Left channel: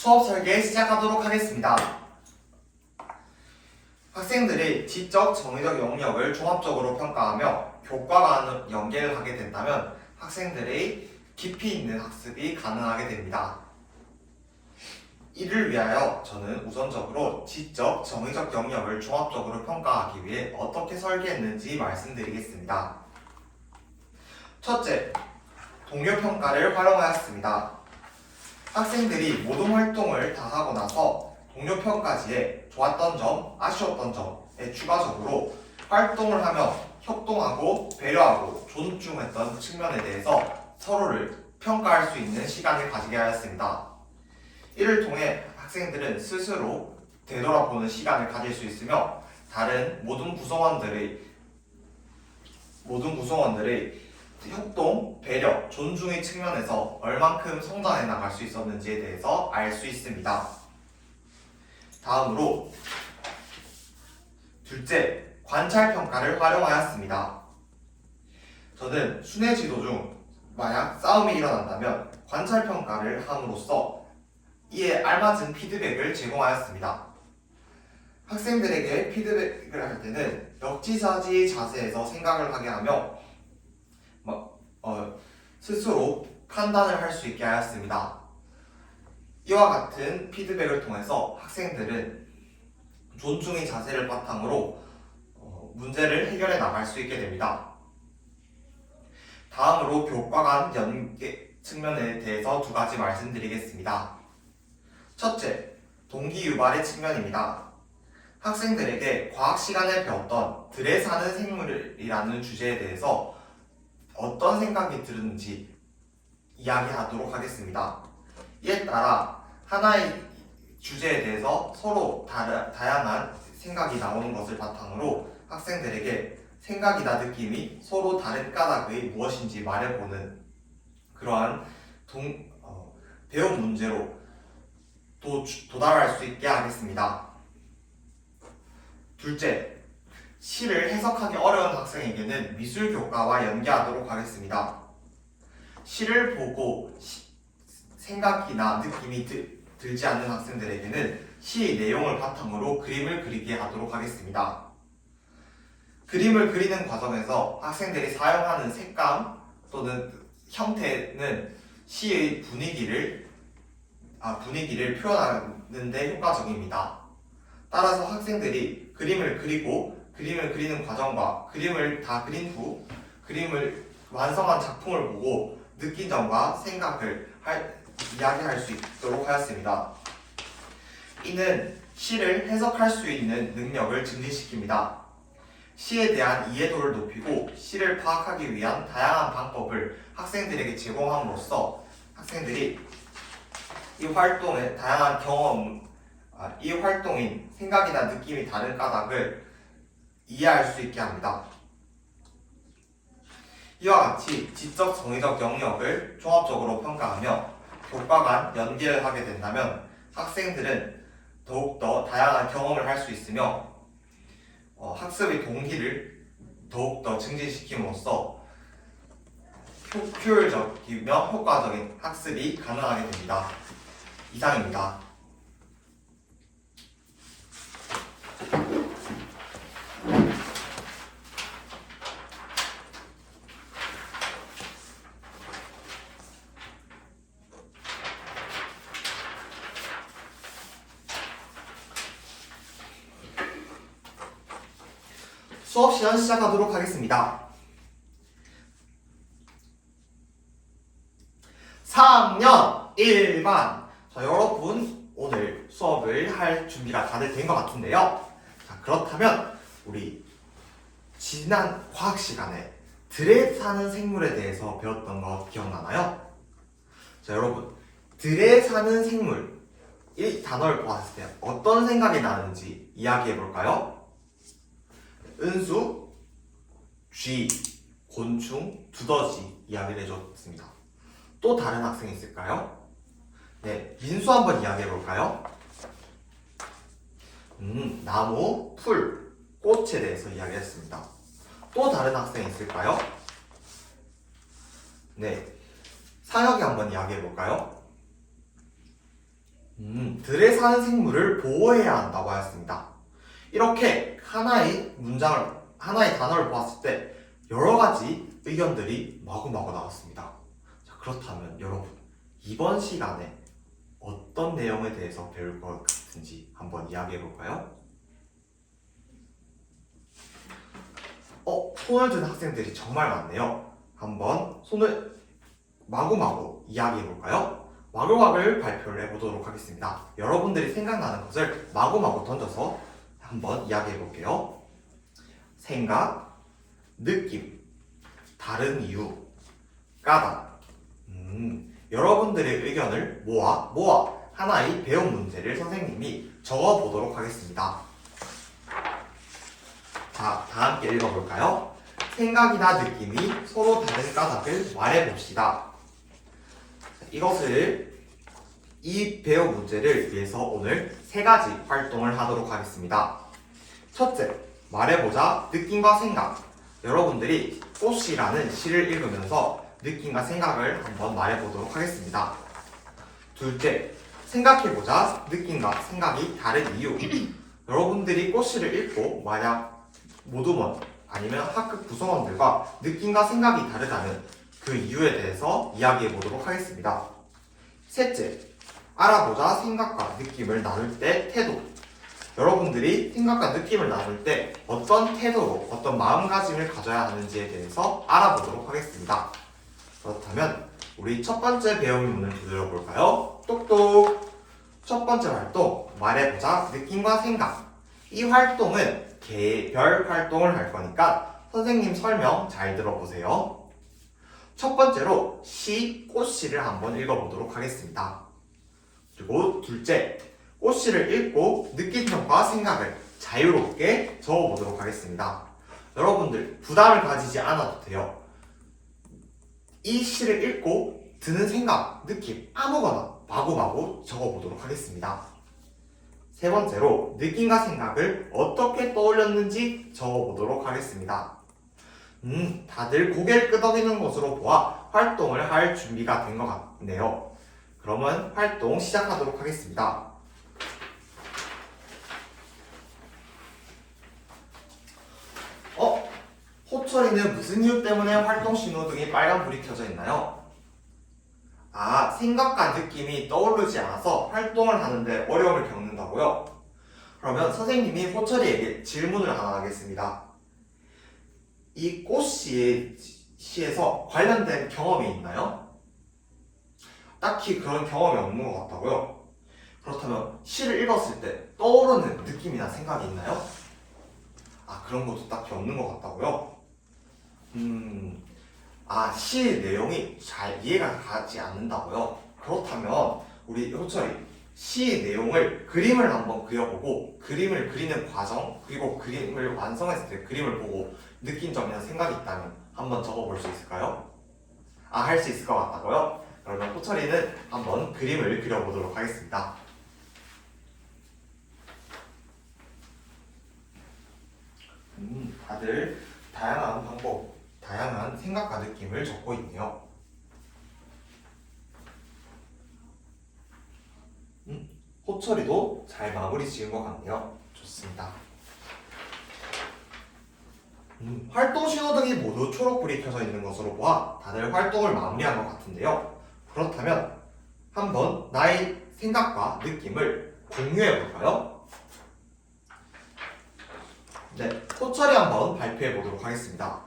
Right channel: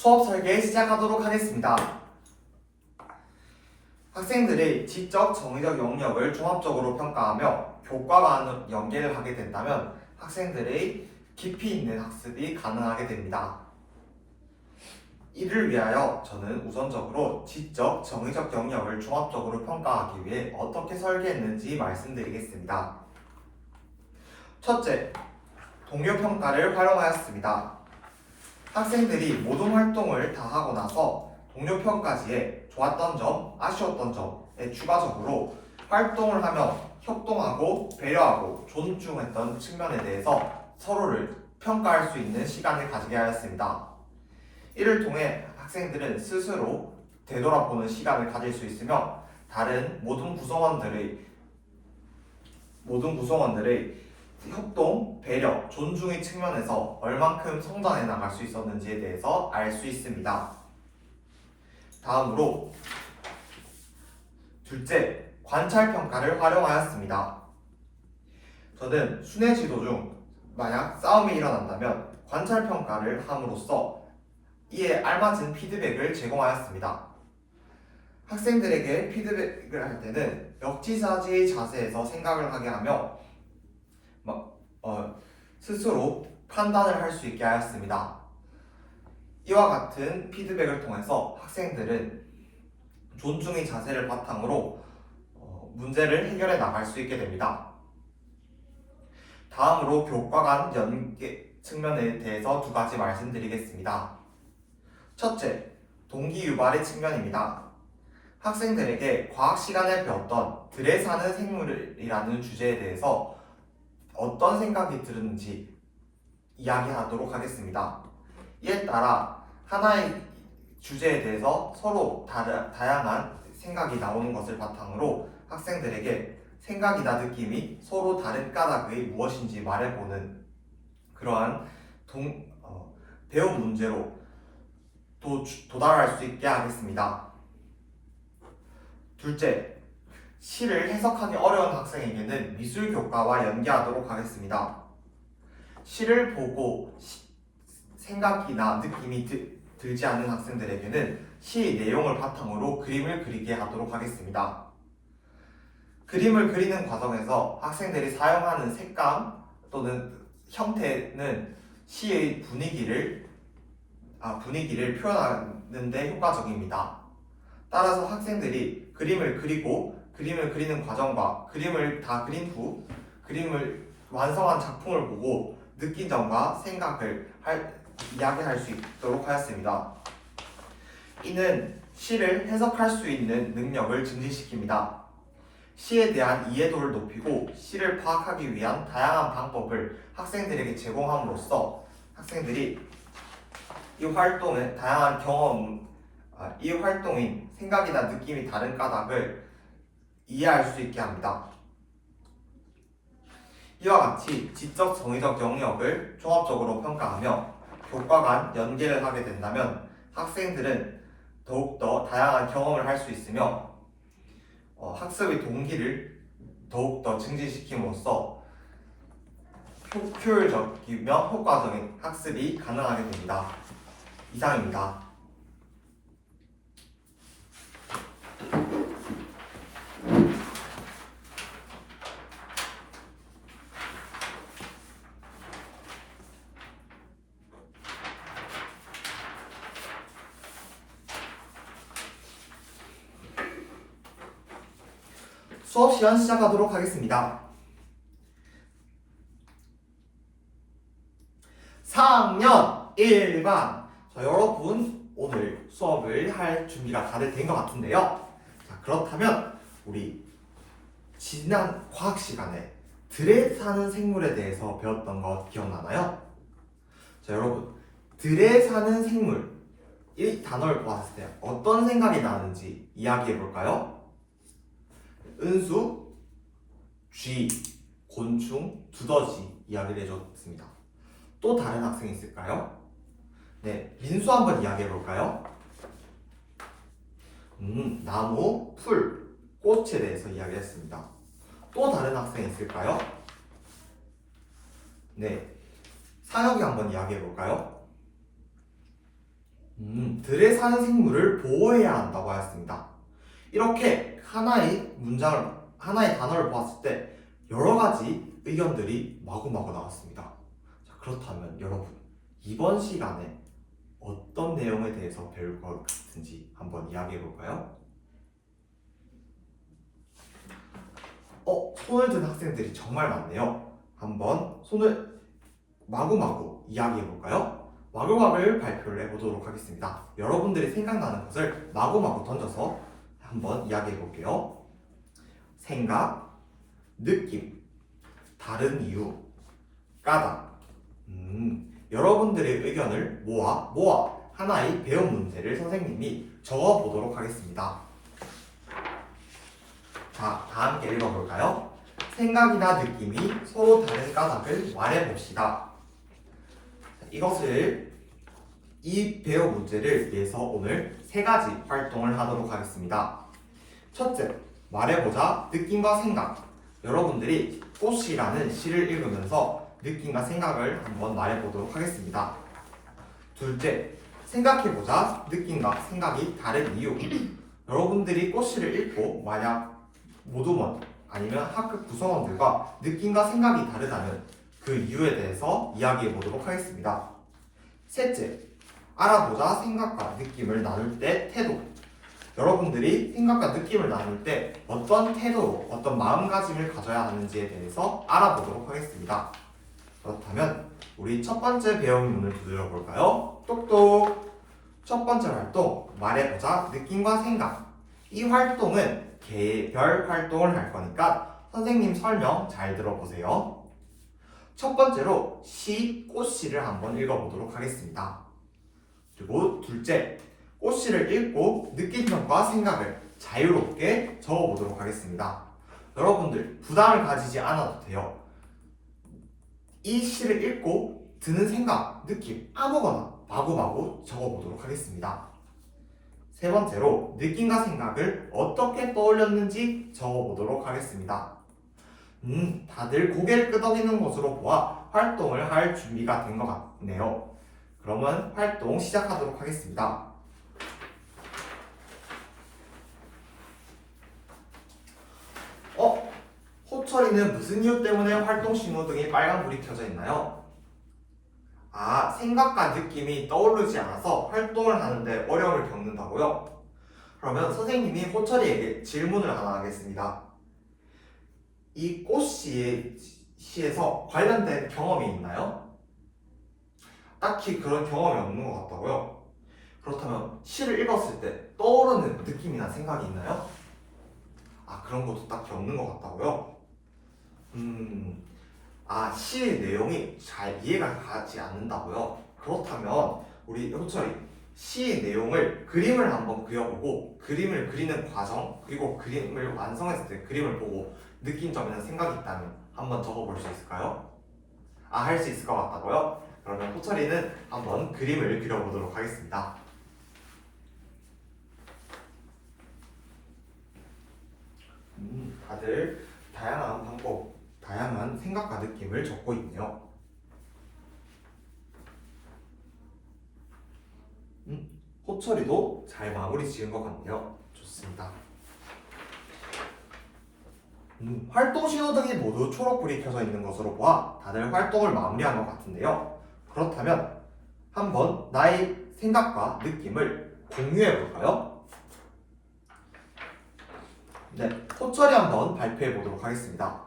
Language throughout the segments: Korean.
수업 설계 시작하도록 하겠습니다. 학생들이 지적, 정의적 영역을 종합적으로 평가하며 교과와 연계를 하게 된다면 학생들의 깊이 있는 학습이 가능하게 됩니다. 이를 위하여 저는 우선적으로 지적, 정의적 영역을 종합적으로 평가하기 위해 어떻게 설계했는지 말씀드리겠습니다. 첫째, 동료평가를 활용하였습니다. 학생들이 모든 활동을 다 하고 나서 동료평가지에 좋았던 점, 아쉬웠던 점에 추가적으로 활동을 하며 협동하고 배려하고 존중했던 측면에 대해서 서로를 평가할 수 있는 시간을 가지게 하였습니다. 이를 통해 학생들은 스스로 되돌아보는 시간을 가질 수 있으며 다른 모든 구성원들의 협동, 배려, 존중의 측면에서 얼만큼 성장해 나갈 수 있었는지에 대해서 알 수 있습니다. 다음으로 둘째, 관찰평가를 활용하였습니다. 저는 순회 지도 중 만약 싸움이 일어난다면 관찰평가를 함으로써 이에 알맞은 피드백을 제공하였습니다. 학생들에게 피드백을 할 때는 역지사지 자세에서 생각을 하게 하며 스스로 판단을 할 수 있게 하였습니다. 이와 같은 피드백을 통해서 학생들은 존중의 자세를 바탕으로 문제를 해결해 나갈 수 있게 됩니다. 다음으로 교과 간 연계 측면에 대해서 두 가지 말씀드리겠습니다. 첫째, 동기 유발의 측면입니다. 학생들에게 과학 시간에 배웠던 들에 사는 생물이라는 주제에 대해서 어떤 생각이 들었는지 이야기하도록 하겠습니다. 이에 따라 하나의 주제에 대해서 서로 다양한 생각이 나오는 것을 바탕으로 학생들에게 생각이나 느낌이 서로 다른 까닭이 무엇인지 말해보는 그러한 배운 문제로 도달할 수 있게 하겠습니다. 둘째, 시를 해석하기 어려운 학생에게는 미술 교과와 연계하도록 하겠습니다. 시를 보고 생각이나 느낌이 들지 않는 학생들에게는 시의 내용을 바탕으로 그림을 그리게 하도록 하겠습니다. 그림을 그리는 과정에서 학생들이 사용하는 색감 또는 형태는 시의 분위기를 표현하는 데 효과적입니다. 따라서 학생들이 그림을 그리는 과정과 그림을 다 그린 후 그림을 완성한 작품을 보고 느낀 점과 생각을 이야기할 수 있도록 하였습니다. 이는 시를 해석할 수 있는 능력을 증진시킵니다. 시에 대한 이해도를 높이고 시를 파악하기 위한 다양한 방법을 학생들에게 제공함으로써 학생들이 이 활동의 다양한 이 활동인 생각이나 느낌이 다른 까닭을 이해할 수 있게 합니다. 이와 같이 지적, 정의적 영역을 종합적으로 평가하며 교과 간 연계를 하게 된다면 학생들은 더욱더 다양한 경험을 할 수 있으며 학습의 동기를 더욱더 증진시킴으로써 효율적이며 효과적인 학습이 가능하게 됩니다. 이상입니다. 수업 시간 시작하도록 하겠습니다. 4학년 1반. 자, 여러분 오늘 수업을 할 준비가 다들 된 것 같은데요. 자, 그렇다면 우리 지난 과학 시간에 들에 사는 생물에 대해서 배웠던 거 기억나나요? 자, 여러분 들에 사는 생물 이 단어를 보았을 때 어떤 생각이 나는지 이야기해 볼까요? 은수, 쥐, 곤충, 두더지 이야기를 해줬습니다. 또 다른 학생이 있을까요? 네, 민수 한번 이야기해 볼까요? 나무, 풀, 꽃에 대해서 이야기했습니다. 또 다른 학생이 있을까요? 네, 사역이 한번 이야기해 볼까요? 들에 사는 생물을 보호해야 한다고 하였습니다. 이렇게 하나의 단어를 보았을 때 여러 가지 의견들이 마구마구 나왔습니다. 자, 그렇다면 여러분, 이번 시간에 어떤 내용에 대해서 배울 것 같은지 한번 이야기해 볼까요? 손을 든 학생들이 정말 많네요. 한번 손을 마구마구 이야기해 볼까요? 마구마구를 발표를 해보도록 하겠습니다. 여러분들이 생각나는 것을 마구마구 던져서 한번 이야기해 볼게요. 생각, 느낌, 다른 이유, 까닭. 여러분들의 의견을 모아 하나의 배운 문제를 선생님이 적어보도록 하겠습니다. 자, 다 함께 읽어볼까요? 생각이나 느낌이 서로 다른 까닭을 말해봅시다. 이 배운 문제를 위해서 오늘 3가지 활동을 하도록 하겠습니다. 첫째, 말해보자 느낌과 생각. 여러분들이 꽃이라는 시를 읽으면서 느낌과 생각을 한번 말해보도록 하겠습니다. 둘째, 생각해보자 느낌과 생각이 다른 이유. 여러분들이 꽃시를 읽고 만약 모두먼 아니면 학급 구성원들과 느낌과 생각이 다르다면 그 이유에 대해서 이야기해 보도록 하겠습니다. 셋째, 알아보자 생각과 느낌을 나눌 때 태도. 여러분들이 생각과 느낌을 나눌 때 어떤 태도로 어떤 마음가짐을 가져야 하는지에 대해서 알아보도록 하겠습니다. 그렇다면 우리 첫 번째 배움문을 두드려 볼까요? 똑똑! 첫 번째 활동, 말해보자 느낌과 생각. 이 활동은 개별 활동을 할 거니까 선생님 설명 잘 들어보세요. 첫 번째로 꽃시를 한번 읽어보도록 하겠습니다. 그리고 둘째, 꽃시를 읽고 느낀 점과 생각을 자유롭게 적어보도록 하겠습니다. 여러분들 부담을 가지지 않아도 돼요. 이 시를 읽고 드는 생각, 느낌 아무거나 마구마구 적어보도록 하겠습니다. 세 번째로 느낌과 생각을 어떻게 떠올렸는지 적어보도록 하겠습니다. 다들 고개를 끄덕이는 것으로 보아 활동을 할 준비가 된 것 같네요. 그러면 활동 시작하도록 하겠습니다. 호철이는 무슨 이유 때문에 활동 신호등이 빨간불이 켜져 있나요? 생각과 느낌이 떠오르지 않아서 활동을 하는데 어려움을 겪는다고요? 그러면 선생님이 호철이에게 질문을 하나 하겠습니다. 이 꽃시에서 관련된 경험이 있나요? 딱히 그런 경험이 없는 것 같다고요? 그렇다면 시를 읽었을 때 떠오르는 느낌이나 생각이 있나요? 그런 것도 딱히 없는 것 같다고요? 시의 내용이 잘 이해가 가지 않는다고요? 그렇다면 우리 호철이 시의 내용을 그림을 한번 그려보고 그림을 그리는 과정 그리고 그림을 완성했을 때 그림을 보고 느낀 점이나 생각이 있다면 한번 적어볼 수 있을까요? 할 수 있을 것 같다고요? 그러면 호철이는 한번 그림을 그려보도록 하겠습니다. 다들 다양한 방법, 다양한 생각과 느낌을 적고 있네요. 호철이도 잘 마무리 지은 것 같네요. 좋습니다. 활동 신호등이 모두 초록불이 켜져 있는 것으로 보아 다들 활동을 마무리한 것 같은데요. 그렇다면 한번 나의 생각과 느낌을 공유해 볼까요? 네, 호철이 한번 발표해 보도록 하겠습니다.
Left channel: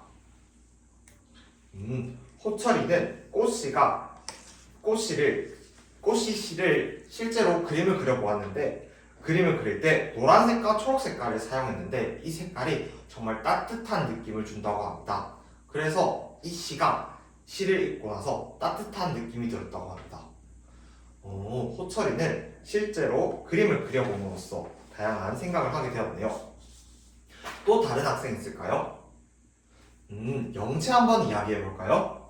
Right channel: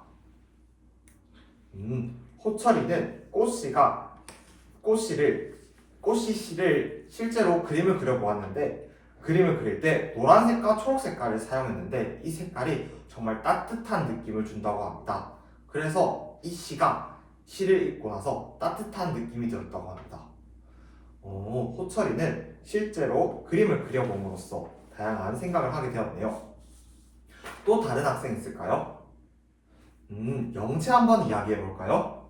호철이는 꽃씨를 실제로 그림을 그려보았는데 그림을 그릴 때 노란색과 초록색깔을 사용했는데 이 색깔이 정말 따뜻한 느낌을 준다고 합니다. 그래서 이 시를 읽고 나서 따뜻한 느낌이 들었다고 합니다. 호철이는 실제로 그림을 그려봄으로써 다양한 생각을 하게 되었네요. 또 다른 학생 있을까요? 영채 한번 이야기해 볼까요?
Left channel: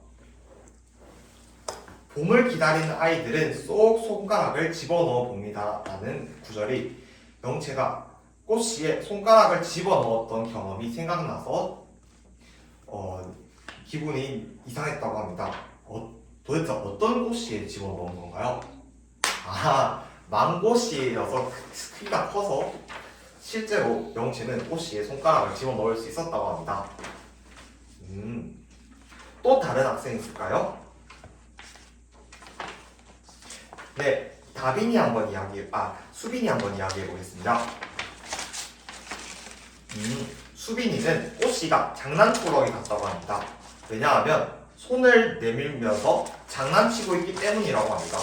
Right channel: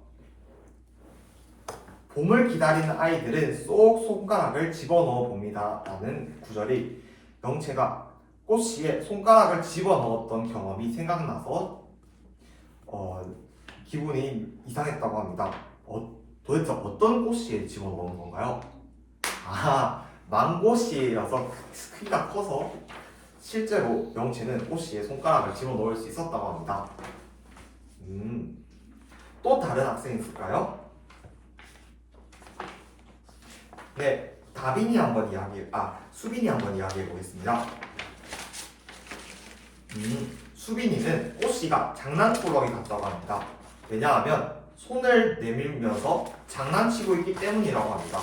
봄을 기다리는 아이들은 쏙 손가락을 집어넣어 봅니다 라는 구절이 영채가 꽃씨에 손가락을 집어넣었던 경험이 생각나서 기분이 이상했다고 합니다. 도대체 어떤 꽃씨에 집어넣은 건가요? 망고씨여서 크기가 커서 실제로 명치는 꽃씨의 손가락을 집어넣을 수 있었다고 합니다. 또 다른 학생 있을까요? 네, 수빈이 한번 이야기해 보겠습니다. 수빈이는 꽃씨가 장난꾸러기 같다고 합니다. 왜냐하면 손을 내밀면서 장난치고 있기 때문이라고 합니다.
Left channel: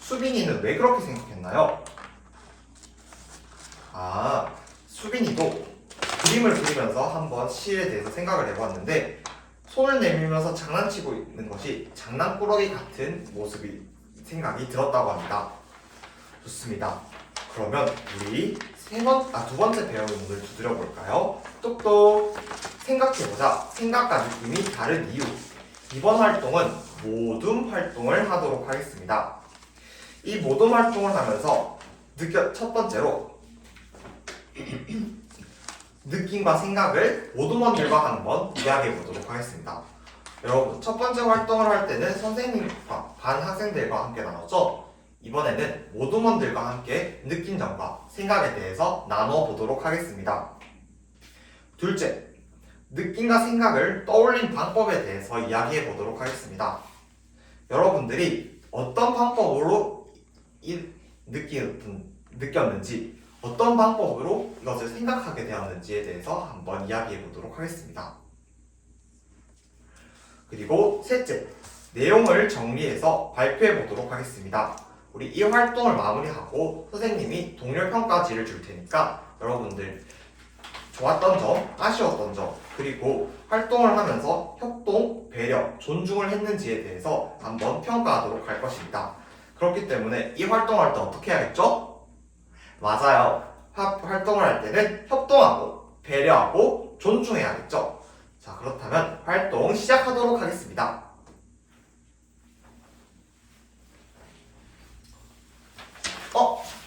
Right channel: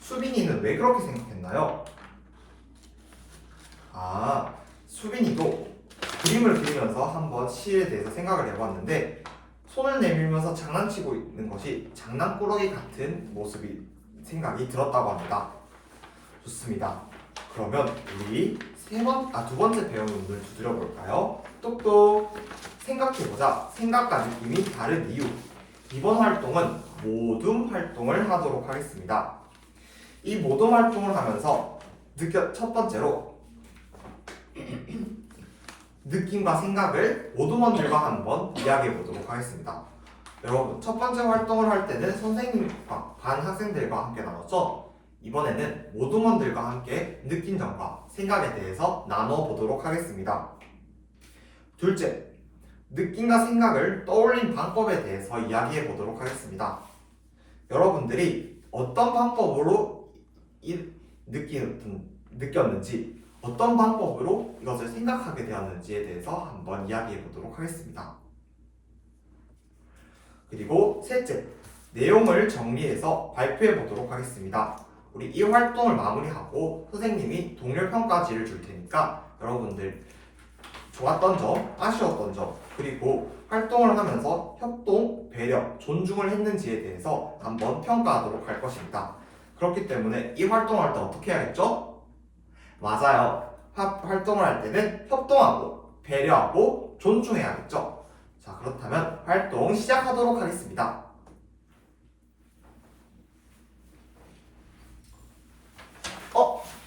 수빈이는 왜 그렇게 생각했나요? 수빈이도 그림을 그리면서 한번 시에 대해서 생각을 해봤는데 손을 내밀면서 장난치고 있는 것이 장난꾸러기 같은 생각이 들었다고 합니다. 좋습니다. 그러면 우리 두 번째 배운 문을 두드려 볼까요? 똑똑 생각해보자. 생각과 느낌이 다른 이유. 이번 활동은 모둠 활동을 하도록 하겠습니다. 이 모둠 활동을 하면서 첫 번째로 느낌과 생각을 모둠원들과 한번 이야기해 보도록 하겠습니다. 여러분, 첫 번째 활동을 할 때는 선생님과 반 학생들과 함께 나눴죠? 이번에는 모둠원들과 함께 느낀 점과 생각에 대해서 나눠 보도록 하겠습니다. 둘째, 느낌과 생각을 떠올린 방법에 대해서 이야기해 보도록 하겠습니다. 여러분들이 어떤 방법으로 느꼈는지, 어떤 방법으로 이것을 생각하게 되었는지에 대해서 한번 이야기해 보도록 하겠습니다. 그리고 셋째, 내용을 정리해서 발표해 보도록 하겠습니다. 우리 이 활동을 마무리하고 선생님이 동료 평가지를 줄 테니까 여러분들 좋았던 점, 아쉬웠던 점, 그리고 활동을 하면서 협동, 배려, 존중을 했는지에 대해서 한번 평가하도록 할 것입니다. 그렇기 때문에 이 활동을 할 때 어떻게 해야 했죠? 맞아요. 활동을 할 때는 협동하고 배려하고 존중해야겠죠. 자, 그렇다면 활동 시작하도록 하겠습니다.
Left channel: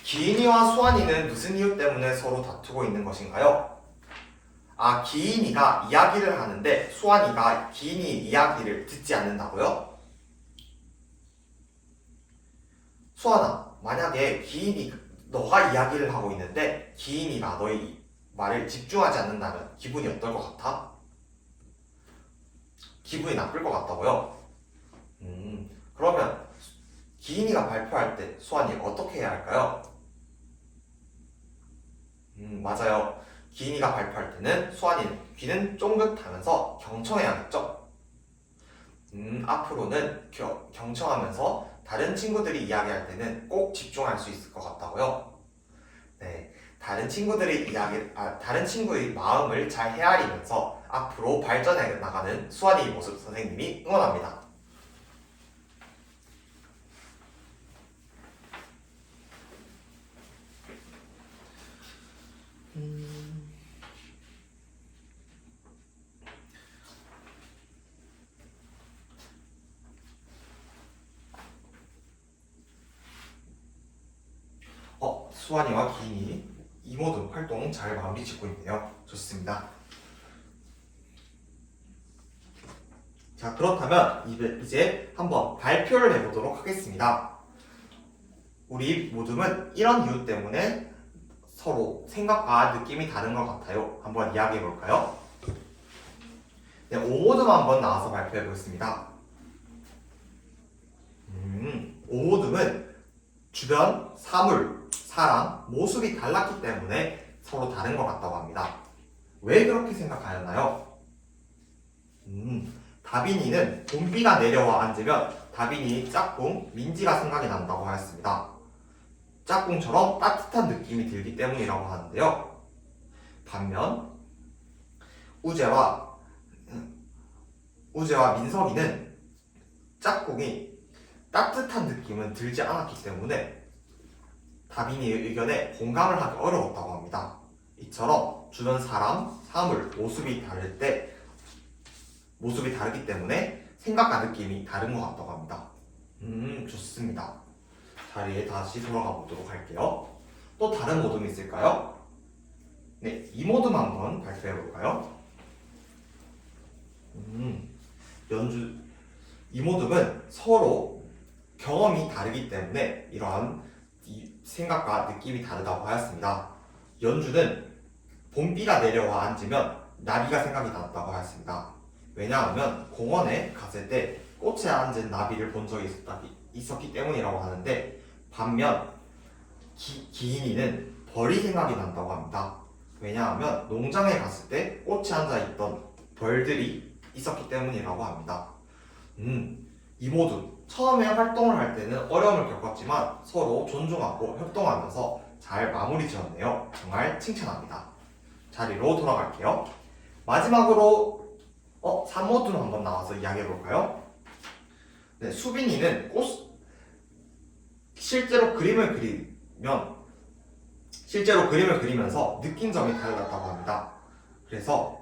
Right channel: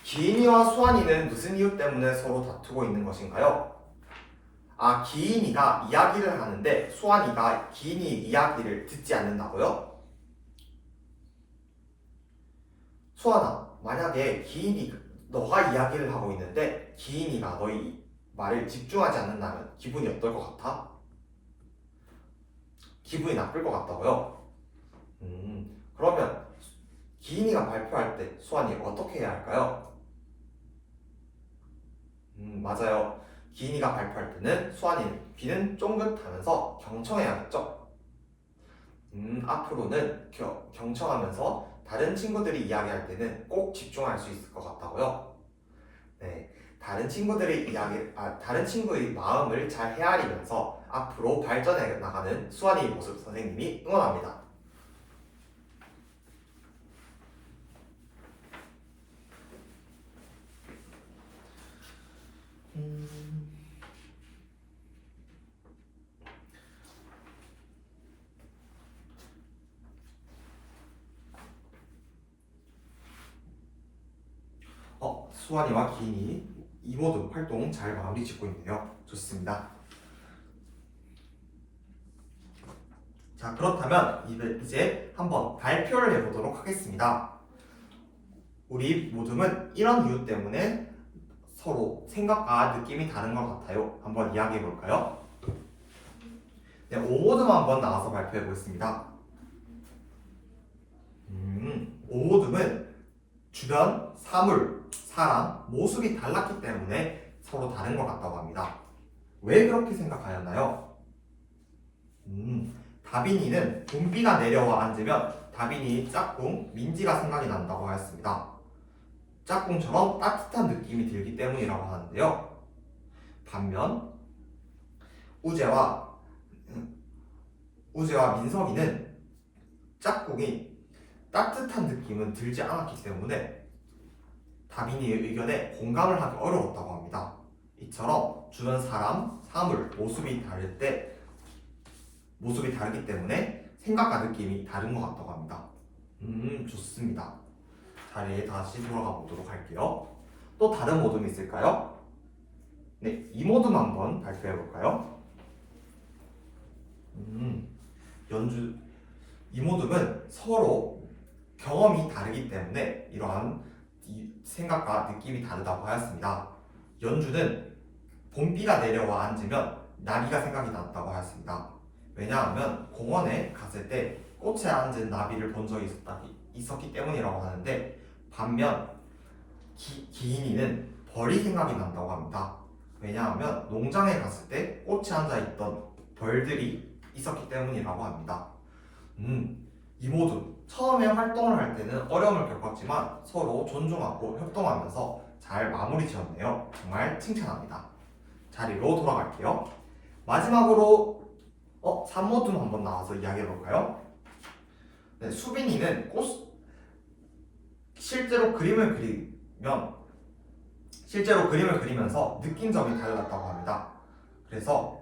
기인이와 수환이는 무슨 이유 때문에 서로 다투고 있는 것인가요? 기인이가 이야기를 하는데 수환이가 기인이 이야기를 듣지 않는다고요? 수환아, 만약에 너가 이야기를 하고 있는데 기인이가 너의 말을 집중하지 않는다면 기분이 어떨 것 같아? 기분이 나쁠 것 같다고요? 그러면 기인이가 발표할 때 수환이 어떻게 해야 할까요? 맞아요. 기인이가 발표할 때는 수환이는 귀는 쫑긋하면서 경청해야겠죠? 앞으로는 경청하면서 다른 친구들이 이야기할 때는 꼭 집중할 수 있을 것 같다고요? 네, 다른 친구의 마음을 잘 헤아리면서 앞으로 발전해 나가는 수환이의 모습 선생님이 응원합니다. 수환이와 기인이 이모든 활동 잘 마무리 짓고 있네요. 좋습니다. 자, 그렇다면 이제 한번 발표를 해보도록 하겠습니다. 우리 모둠은 이런 이유 때문에 서로 생각과 느낌이 다른 것 같아요. 한번 이야기해 볼까요? 네, 오모둠 한번 나와서 발표해 보겠습니다. 오모둠은 주변 사물, 사람, 모습이 달랐기 때문에 서로 다른 것 같다고 합니다. 왜 그렇게 생각하였나요? 다빈이는 봄비가 내려와 앉으면 다빈이 짝꿍 민지가 생각이 난다고 하였습니다. 짝꿍처럼 따뜻한 느낌이 들기 때문이라고 하는데요. 반면 우재와 민석이는 짝꿍이 따뜻한 느낌은 들지 않았기 때문에 다빈이의 의견에 공감을 하기 어려웠다고 합니다. 이처럼 주변 사람, 사물, 모습이 다르기 때문에 생각과 느낌이 다른 것 같다고 합니다. 좋습니다. 자리에 다시 돌아가 보도록 할게요. 또 다른 모둠이 있을까요? 네, 이 모둠 한번 발표해 볼까요? 이 모둠은 서로 경험이 다르기 때문에 이러한 생각과 느낌이 다르다고 하였습니다. 연주는 봄비가 내려와 앉으면 나비가 생각이 났다고 하였습니다. 왜냐하면 공원에 갔을 때 꽃에 앉은 나비를 본 적이 있었기 때문이라고 하는데, 반면 기인이는 벌이 생각이 난다고 합니다. 왜냐하면 농장에 갔을 때 꽃에 앉아있던 벌들이 있었기 때문이라고 합니다. 이 모두 처음에 활동을 할 때는 어려움을 겪었지만 서로 존중하고 협동하면서 잘 마무리 지었네요. 정말 칭찬합니다. 자리로 돌아갈게요. 마지막으로 산모둔 한번 나와서 이야기해볼까요? 네, 수빈이는 실제로 그림을 그리면서 느낀 점이 달랐다고 합니다. 그래서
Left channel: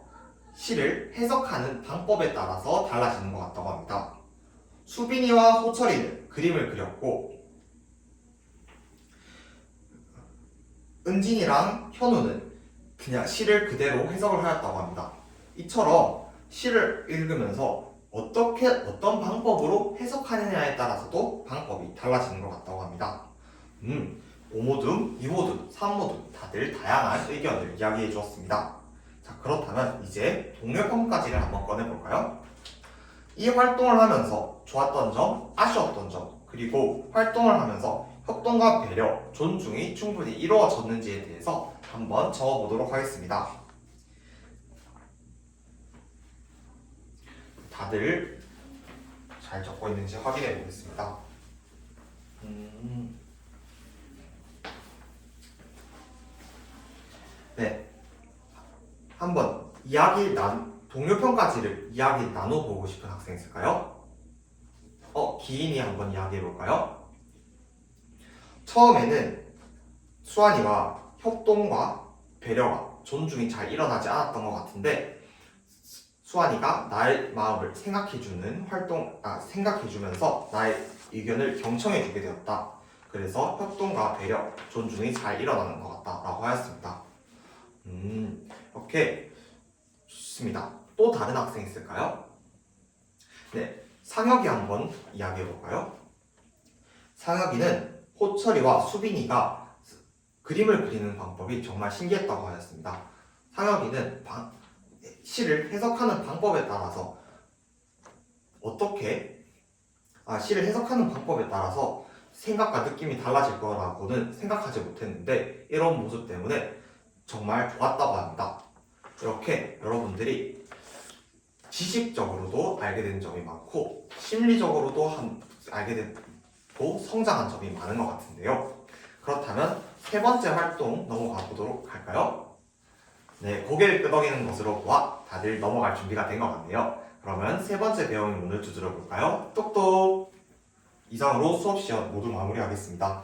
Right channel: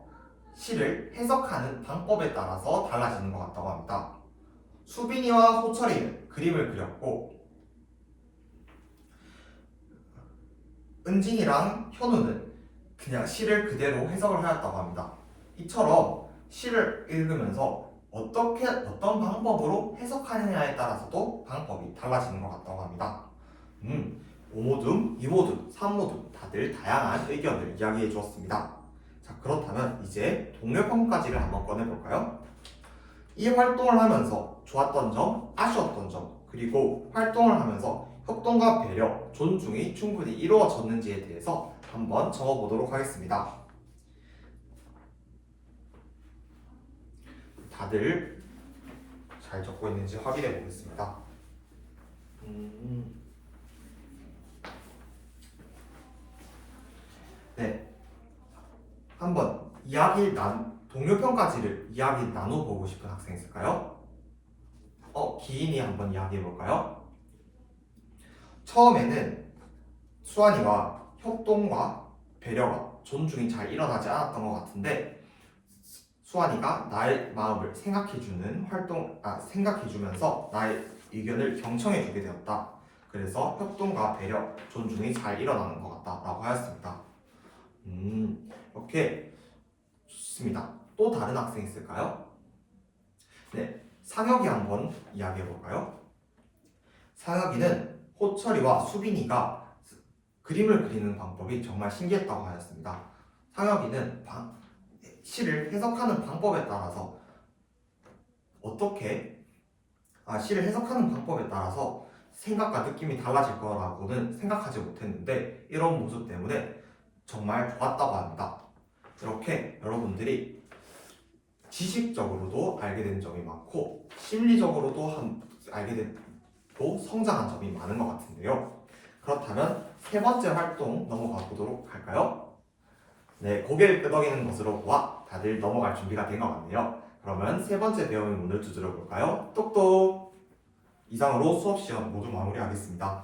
시를 해석하는 방법에 따라서 달라지는 것 같다고 합니다. 수빈이와 호철이는 그림을 그렸고, 은진이랑 현우는 그냥 시를 그대로 해석을 하였다고 합니다. 이처럼 시를 읽으면서 어떤 방법으로 해석하느냐에 따라서도 방법이 달라지는 것 같다고 합니다. 오모듬, 이모듬, 삼모듬 다들 다양한 의견을 이야기해 주었습니다. 자, 그렇다면 이제 동료평가지를 한번 꺼내볼까요? 이 활동을 하면서 좋았던 점, 아쉬웠던 점, 그리고 활동을 하면서 협동과 배려, 존중이 충분히 이루어졌는지에 대해서 한번 적어보도록 하겠습니다. 다들 잘 적고 있는지 확인해 보겠습니다. 네, 한번 동료평가지를 이야기 나눠보고 싶은 학생 있을까요? 기인이 한번 이야기해볼까요? 처음에는 수환이와 협동과 배려가 존중이 잘 일어나지 않았던 것 같은데, 수환이가 나의 마음을 생각해주면서 나의 의견을 경청해주게 되었다. 그래서 협동과 배려, 존중이 잘 일어나는 것 같다라고 하였습니다. 이렇게 좋습니다. 또 다른 학생 있을까요? 네, 상혁이 한번 이야기해볼까요? 상혁이는 호철이와 수빈이가 그림을 그리는 방법이 정말 신기했다고 하였습니다. 상혁이는 시를 해석하는 방법에 따라서 생각과 느낌이 달라질 거라고는 생각하지 못했는데, 이런 모습 때문에 정말 좋았다고 합니다. 이렇게 여러분들이 지식적으로도 알게 된 점이 많고 심리적으로도 알게 되고 성장한 점이 많은 것 같은데요. 그렇다면 세 번째 활동 넘어가 보도록 할까요? 네, 고개를 끄덕이는 것으로 보아 다들 넘어갈 준비가 된 것 같네요. 그러면 세 번째 배움의 문을 두드려 볼까요? 똑똑! 이상으로 수업 시간 모두 마무리하겠습니다.